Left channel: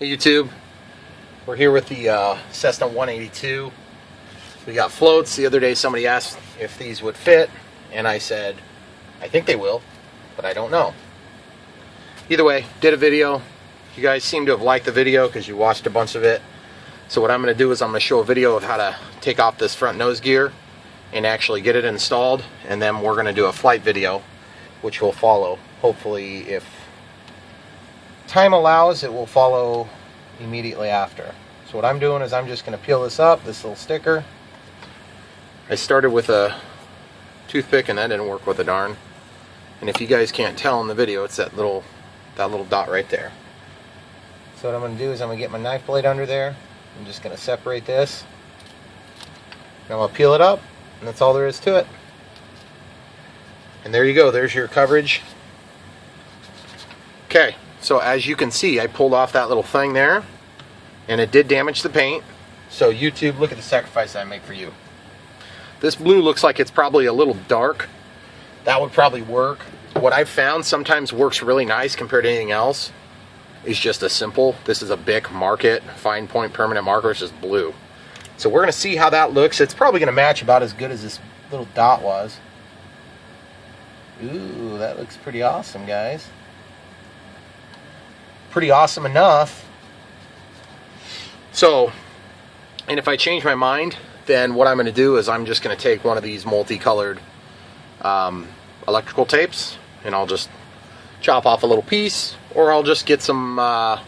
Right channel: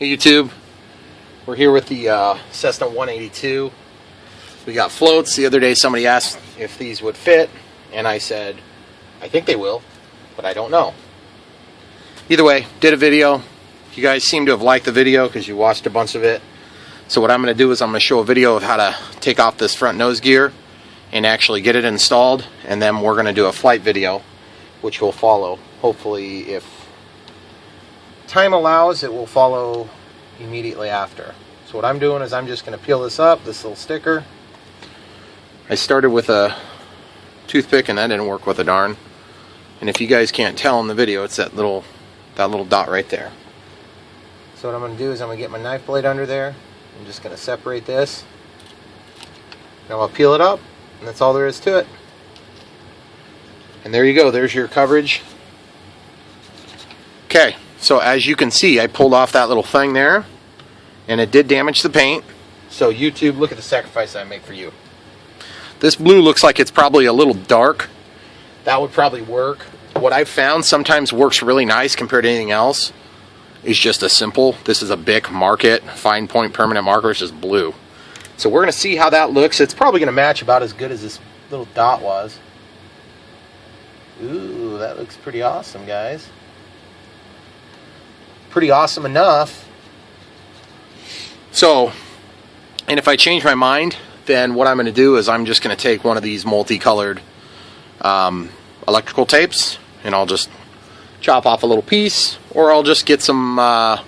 Hey YouTube, we're here with the Cessna 182. We got floats. The other day somebody asked if these would fit, and I said, I think they will, but I don't know. Either way, did a video. You guys seem to have liked the video because you watched a bunch of it. So what I'm going to do is I'm going to show a video of how to take off this front nose gear and actually get it installed, and then we're going to do a flight video, which will follow. Hopefully, if time allows, it will follow immediately after. So what I'm doing is I'm just going to peel this up, this little sticker. I started with a toothpick and that didn't work with a darn. And if you guys can't tell in the video, it's that little dot right there. So what I'm going to do is I'm going to get my knife blade under there. I'm just going to separate this. Now I'll peel it up, and that's all there is to it. And there you go. There's your coverage. Okay. So as you can see, I pulled off that little thing there, and it did damage the paint. So YouTube, look at the sacrifice I make for you. This blue looks like it's probably a little dark. That would probably work. What I've found sometimes works really nice compared to anything else is just a simple, this is a Bic Market fine point permanent marker. It's just blue. So we're going to see how that looks. It's probably going to match about as good as this little dot was. Ooh, that looks pretty awesome, guys. Pretty awesome enough. So, and if I change my mind, then what I'm going to do is I'm just going to take one of these multicolored electrical tapes, and I'll just chop off a little piece, or I'll just get some, I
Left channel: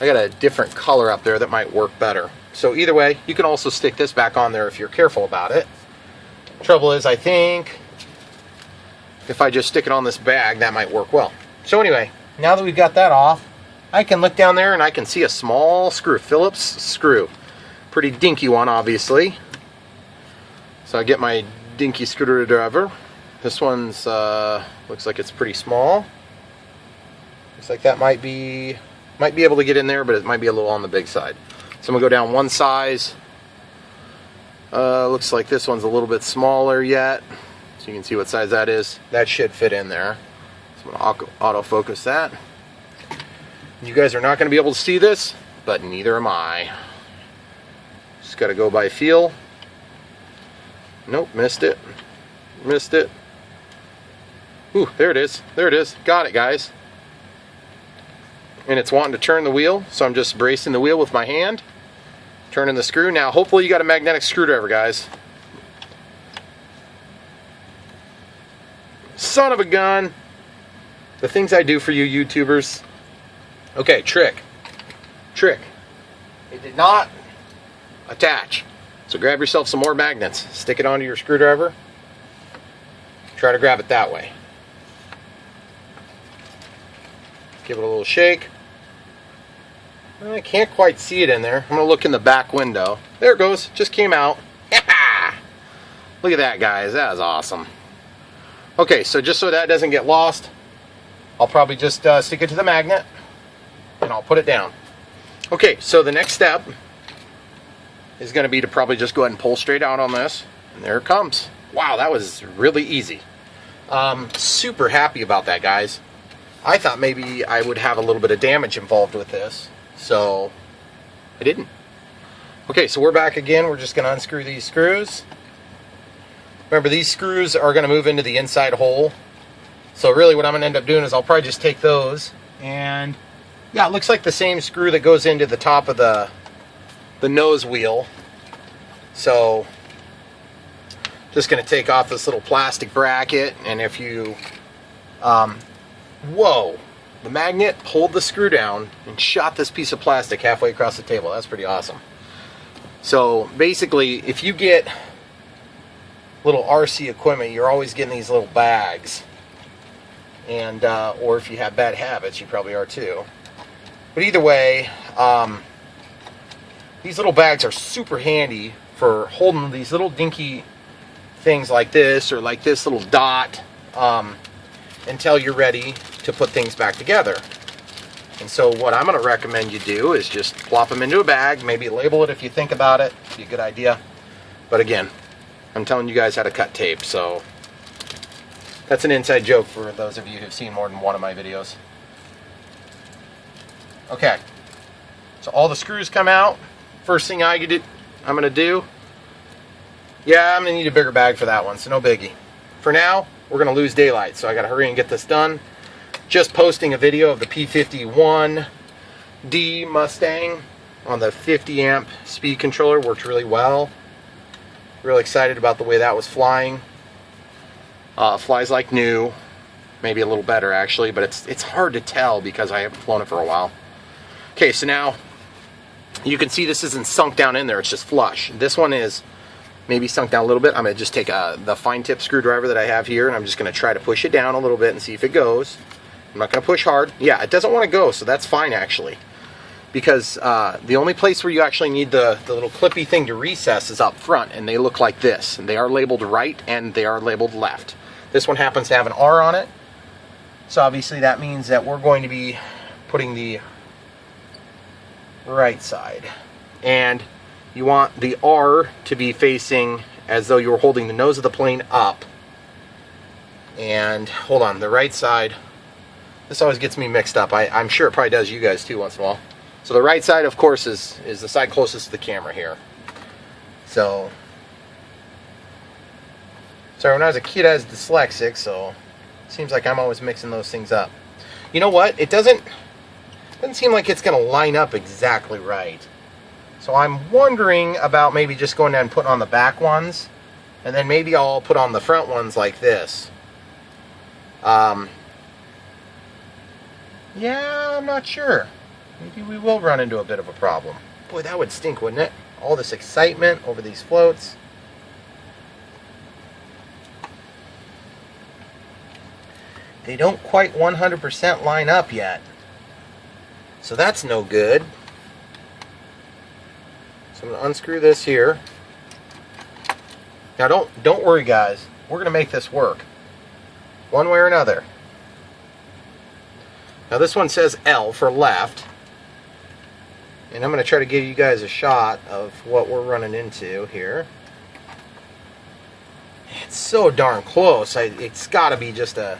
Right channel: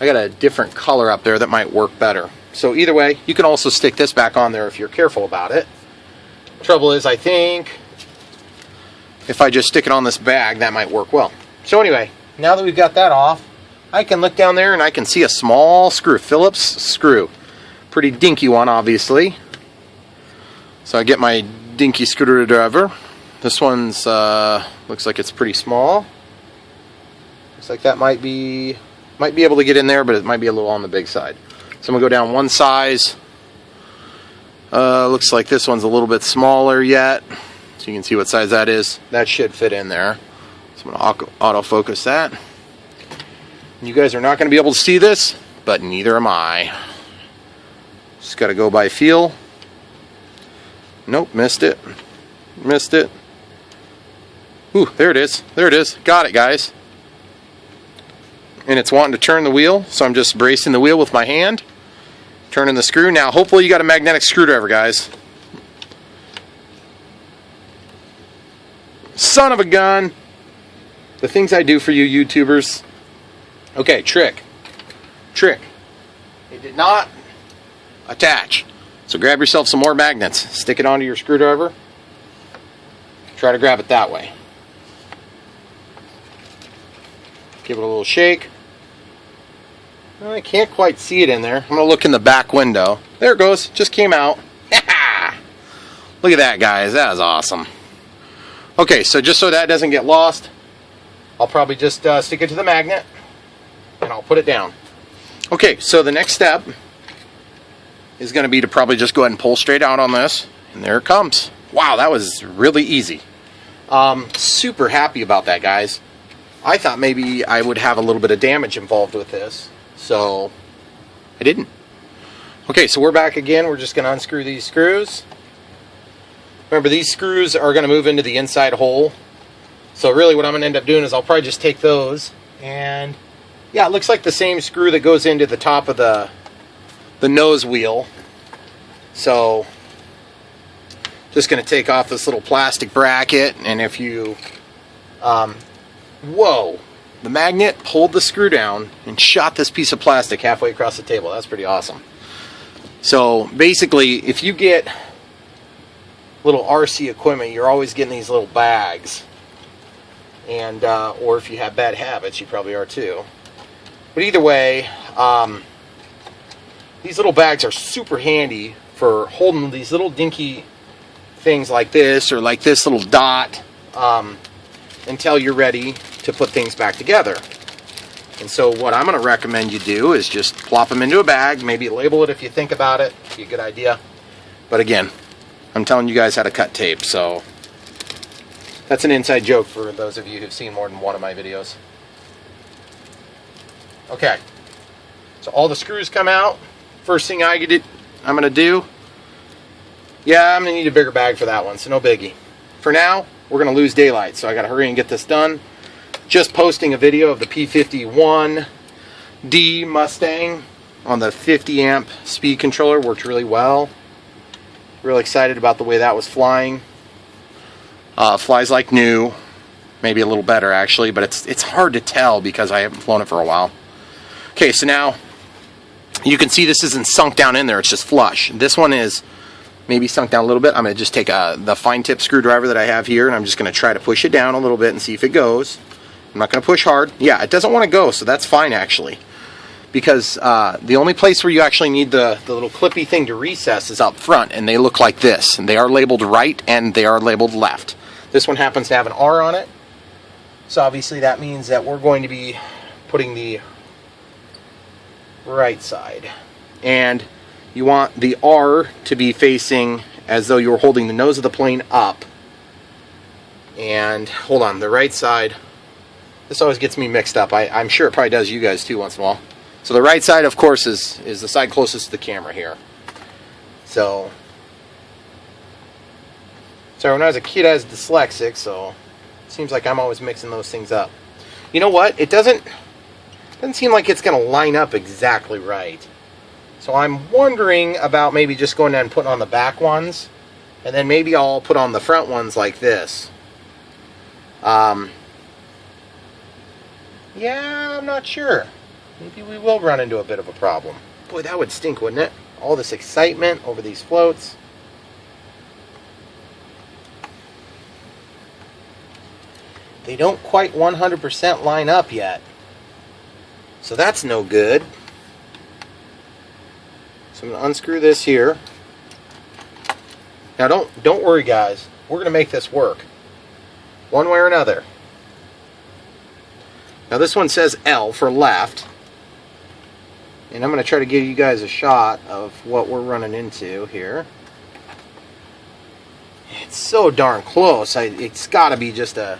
got a different color up there that might work better. So either way, you can also stick this back on there if you're careful about it. Trouble is, I think if I just stick it on this bag, that might work well. So anyway, now that we've got that off, I can look down there and I can see a small screw, Phillips screw. Pretty dinky one, obviously. So I get my dinky screwdriver. This one's, looks like it's pretty small. Looks like that might be able to get in there, but it might be a little on the big side. So I'm gonna go down one size. Looks like this one's a little bit smaller yet. So you can see what size that is. That should fit in there. So I'm going to autofocus that. You guys are not going to be able to see this, but neither am I. Just got to go by feel. Nope, missed it. Missed it. Ooh, there it is. There it is. Got it, guys. And it's wanting to turn the wheel, so I'm just bracing the wheel with my hand. Turning the screw. Now, hopefully you got a magnetic screwdriver, guys. Son of a gun. The things I do for you YouTubers. Okay, trick. It did not attach. So grab yourself some more magnets. Stick it onto your screwdriver. Try to grab it that way. Give it a little shake. I can't quite see it in there. I'm going to look in the back window. There it goes. Just came out. Look at that, guys. That is awesome. Okay, so just so that doesn't get lost, I'll probably just stick it to the magnet and I'll put it down. Okay, so the next step is going to be to probably just go ahead and pull straight out on this, and there it comes. Wow, that was really easy. Super happy about that, guys. I thought maybe I would have a little bit of damage involved with this, so I didn't. Okay, so we're back again. We're just going to unscrew these screws. Remember, these screws are going to move into the inside hole. So really what I'm going to end up doing is I'll probably just take those, and yeah, it looks like the same screw that goes into the top of the nose wheel. So just going to take off this little plastic bracket, and if you whoa, the magnet pulled the screw down and shot this piece of plastic halfway across the table. That's pretty awesome. So basically, if you get little RC equipment, you're always getting these little bags. And or if you have bad habits, you probably are too. But either way, these little bags are super handy for holding these little dinky things like this, or like this little dot, until you're ready to put things back together. And so what I'm going to recommend you do is just plop them into a bag, maybe label it if you think about it. It'd be a good idea. But again, I'm telling you guys how to cut tape, so that's an inside joke for those of you who've seen more than one of my videos. Okay, So all the screws come out. First thing I'm going to do, yeah, I'm going to need a bigger bag for that one, so no biggie. For now, we're going to lose daylight, so I got to hurry and get this done. Just posting a video of the P51D Mustang on the 50 amp speed controller. Worked really well. Real excited about the way that was flying. Flies like new, maybe a little better actually, but it's hard to tell because I haven't flown it for a while. Okay, so now you can see this isn't sunk down in there, it's just flush. This one is maybe sunk down a little bit. I'm going to just take the fine tip screwdriver that I have here, and I'm just going to try to push it down a little bit and see if it goes. I'm not going to push hard. Yeah, it doesn't want to go, so that's fine actually. Because the only place where you actually need the little clippy thing to recess is up front, and they look like this. And they are labeled right and they are labeled left. This one happens to have an R on it, so obviously that means that we're going to be putting the right side. And you want the R to be facing as though you were holding the nose of the plane up. And hold on, the right side, this always gets me mixed up. I'm sure it probably does you guys too once in a while. So the right side, of course, is the side closest to the camera here. So, sorry, when I was a kid I was dyslexic, so it seems like I'm always mixing those things up. You know what? It doesn't seem like it's going to line up exactly right. So I'm wondering about maybe just going down and putting on the back ones, and then maybe I'll put on the front ones like this. Yeah, I'm not sure. Maybe we will run into a bit of a problem. Boy, that would stink, wouldn't it? All this excitement over these floats. They don't quite 100% line up yet. So that's no good. So I'm going to unscrew this here. Now don't worry guys. We're going to make this work. One way or another. Now this one says L for left. And I'm going to try to give you guys a shot of what we're running into here. It's so darn close. It's got to be just a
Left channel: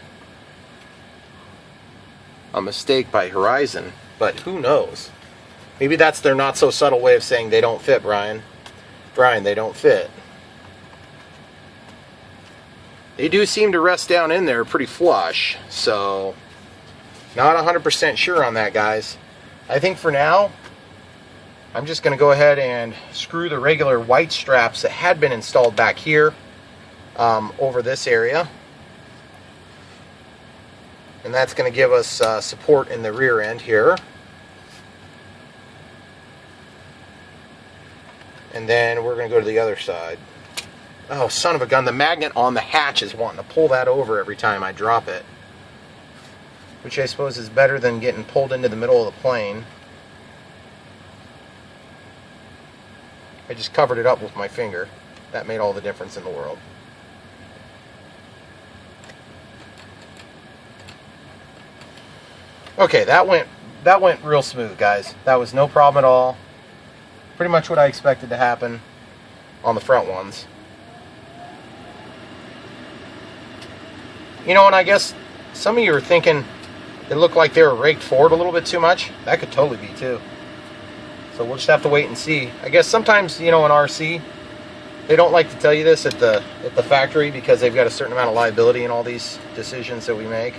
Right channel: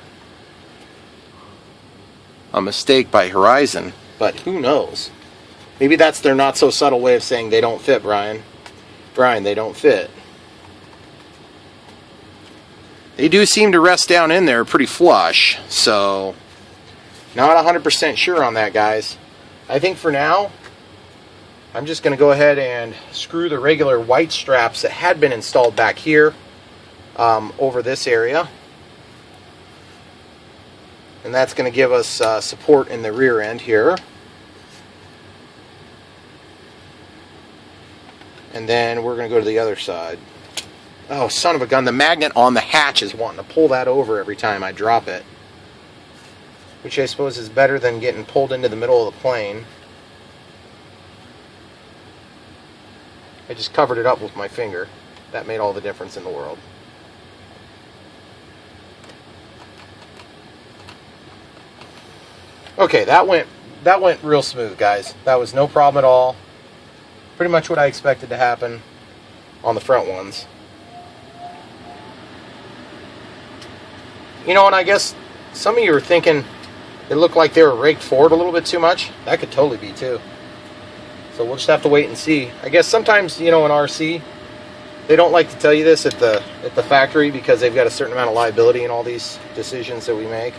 mistake by Horizon, but who knows? Maybe that's their not so subtle way of saying they don't fit, Brian. Brian, they don't fit. They do seem to rest down in there pretty flush, so not 100% sure on that, guys. I think for now, I'm just going to go ahead and screw the regular white straps that had been installed back here over this area. And that's going to give us support in the rear end here. And then we're going to go to the other side. Oh, son of a gun, the magnet on the hatch is wanting to pull that over every time I drop it. Which I suppose is better than getting pulled into the middle of the plane. I just covered it up with my finger. That made all the difference in the world. Okay, that went real smooth, guys. That was no problem at all. Pretty much what I expected to happen on the front ones. You know, and I guess some of you are thinking it looked like they were raked forward a little bit too much. That could totally be too. So we'll just have to wait and see. I guess sometimes, you know, in RC, they don't like to tell you this at the factory because they've got a certain amount of liability in all these decisions that we make.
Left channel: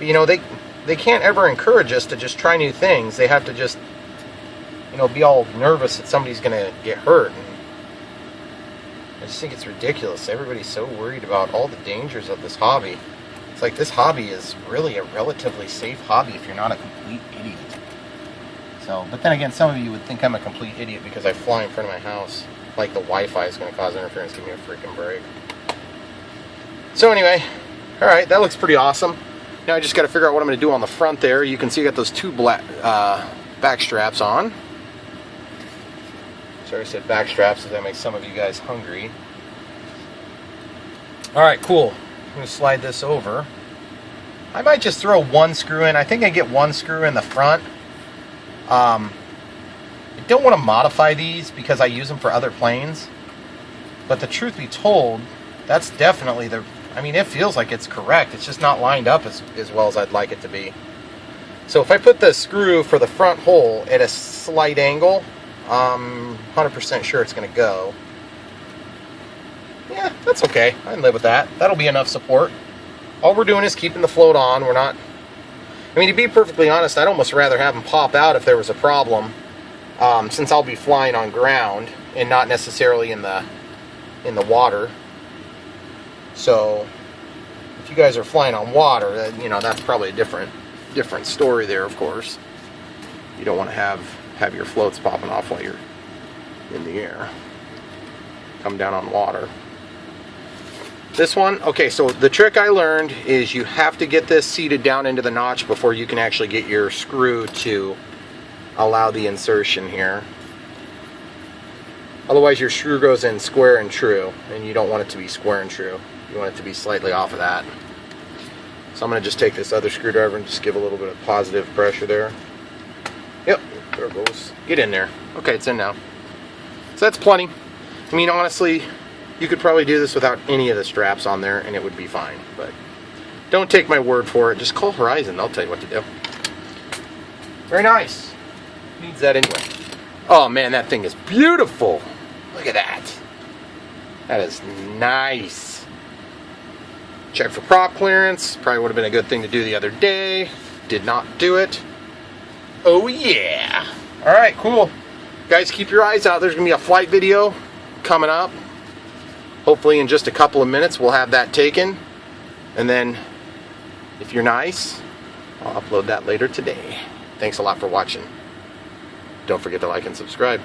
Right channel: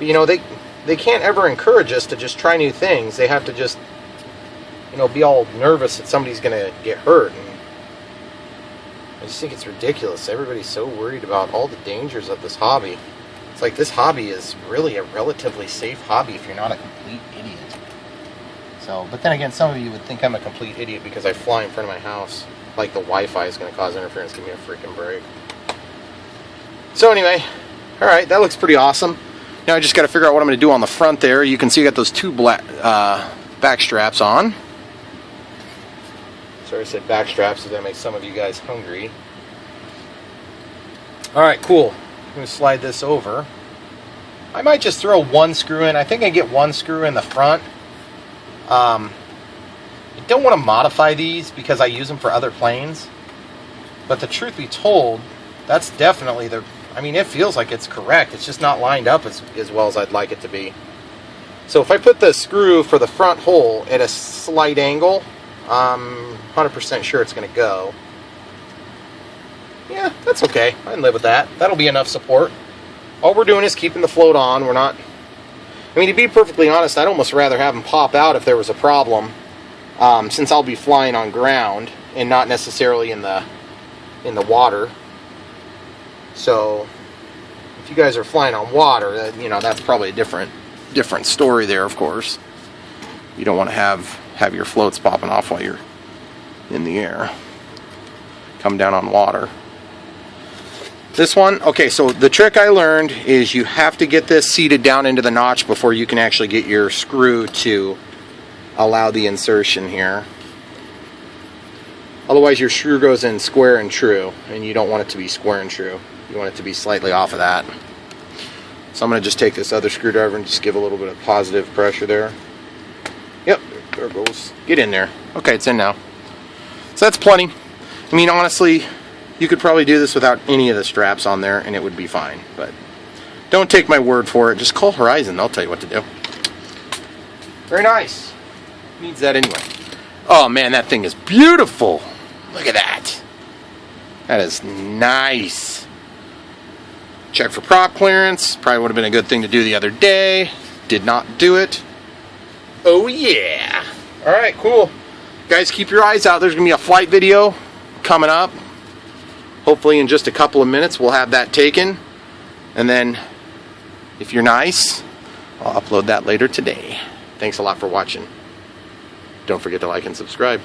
You know, they can't ever encourage us to just try new things. They have to just, you know, be all nervous that somebody's going to get hurt. And I just think it's ridiculous. Everybody's so worried about all the dangers of this hobby. It's like this hobby is really a relatively safe hobby if you're not a complete idiot. So, but then again, some of you would think I'm a complete idiot because I fly in front of my house. Like the Wi-Fi is going to cause interference. Give me a freaking break. So anyway, alright, that looks pretty awesome. Now I just got to figure out what I'm going to do on the front there. You can see I got those two black back straps on. Sorry I said back straps because that makes some of you guys hungry. Alright, cool. I'm going to slide this over. I might just throw one screw in. I think I get one screw in the front. I don't want to modify these because I use them for other planes. But the truth be told, that's definitely the... I mean, it feels like it's correct. It's just not lined up as well as I'd like it to be. So if I put the screw for the front hole at a slight angle, I'm 100% sure it's going to go. Yeah, that's okay. I can live with that. That'll be enough support. All we're doing is keeping the float on. We're not... I mean, to be perfectly honest, I'd almost rather have them pop out if there was a problem, since I'll be flying on ground and not necessarily in the water. So if you guys are flying on water, that, you know, that's probably a different story there, of course. You don't want to have your floats popping off while you're in the air. Come down on water. This one, okay, so the trick I learned is you have to get this seated down into the notch before you can actually get your screw to allow the insertion here. Otherwise your screw goes in square and true, and you don't want it to be square and true. You want it to be slightly off of that. So I'm going to just take this other screwdriver and just give a little bit of positive pressure there. Yep, there it goes. Get in there. Okay, it's in now. So that's plenty. I mean, honestly, you could probably do this without any of the straps on there and it would be fine. But don't take my word for it. Just call Horizon. They'll tell you what to do. Very nice. Needs that anyway. Oh man, that thing is beautiful. Look at that. That is nice. Check for prop clearance. Probably would have been a good thing to do the other day. Did not do it. Oh yeah. Alright, cool. Guys, keep your eyes out. There's going to be a flight video coming up. Hopefully in just a couple of minutes we'll have that taken. And then, if you're nice, I'll upload that later today. Thanks a lot for watching. Don't forget to like and subscribe.